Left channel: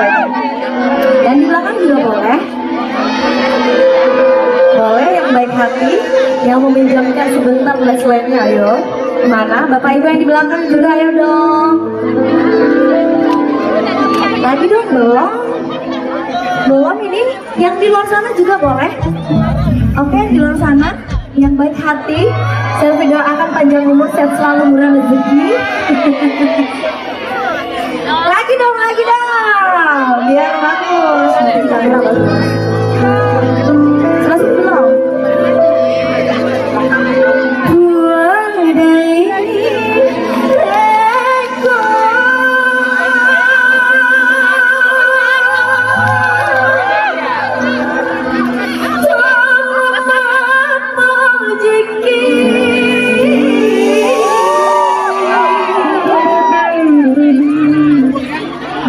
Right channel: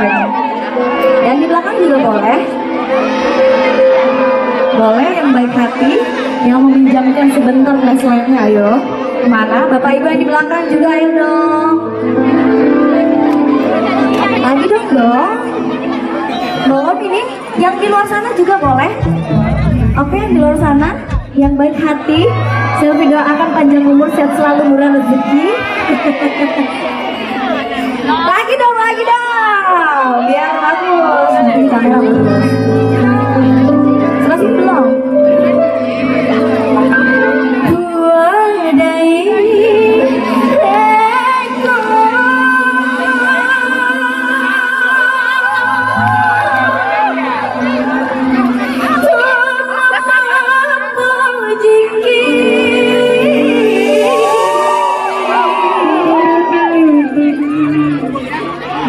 rupanya. Yang di belakang juga boleh. Boleh yang baik hati, yang meminjamkan sebentar braceletnya, ayo. Mana? Bapak Ibu yang di belakang juga, ayo dong. Lagi dong, belum? Belum ini? Yang di luar sana juga boleh. Oke, yang di luar sana, yang baik hati, saya doakan panjang umur, sehat selalu, murah rezeki. Lagi dong, biar bagus. Masih belum?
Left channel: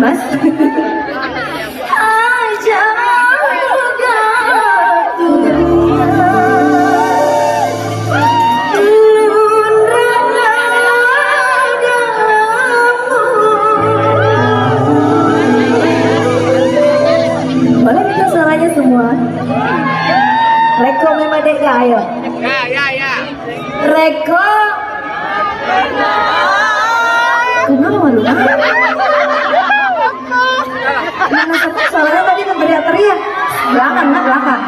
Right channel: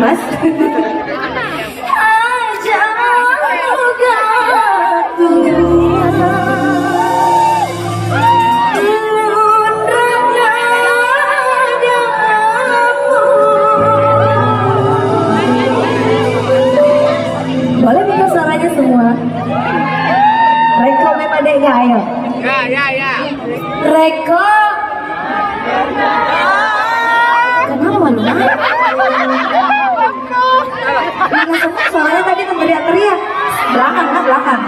Mas? Boleh bikin suaranya semua. Reko memang dek ayo. Ya. Reko. Kenapa malu? Mana semua suaranya tadi teriak-teriak. Belakang.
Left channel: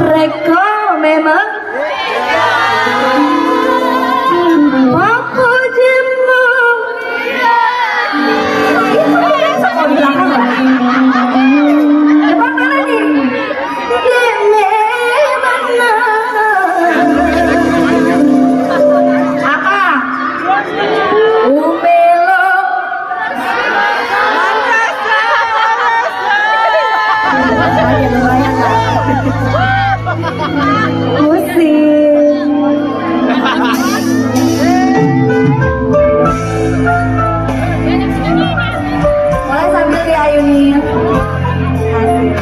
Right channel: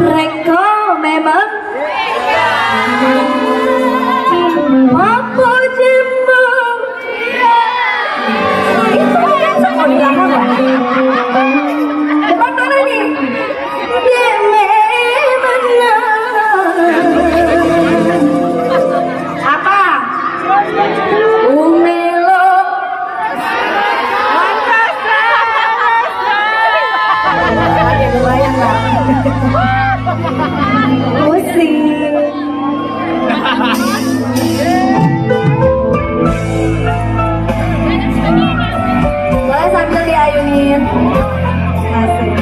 Reko memang. Aku jemu. Boleh sambil diayunin. Asik.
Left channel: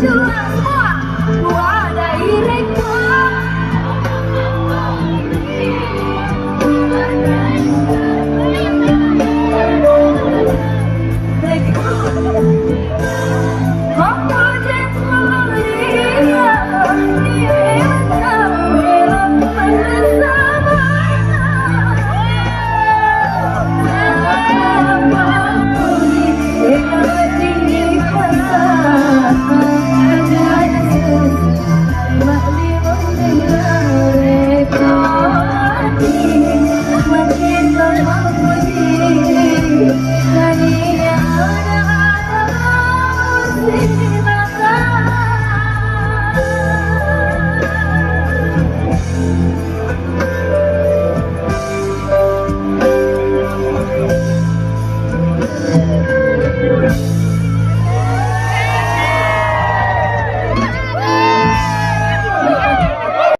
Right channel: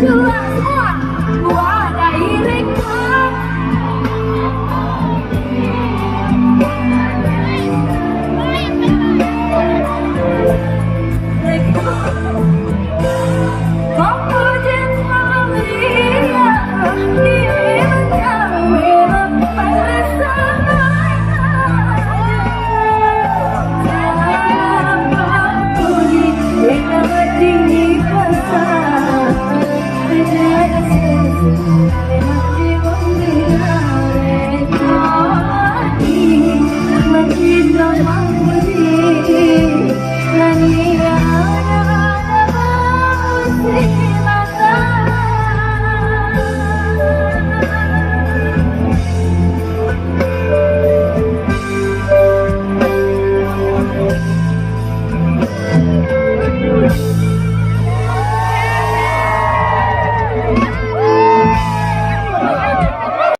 berjuang semua.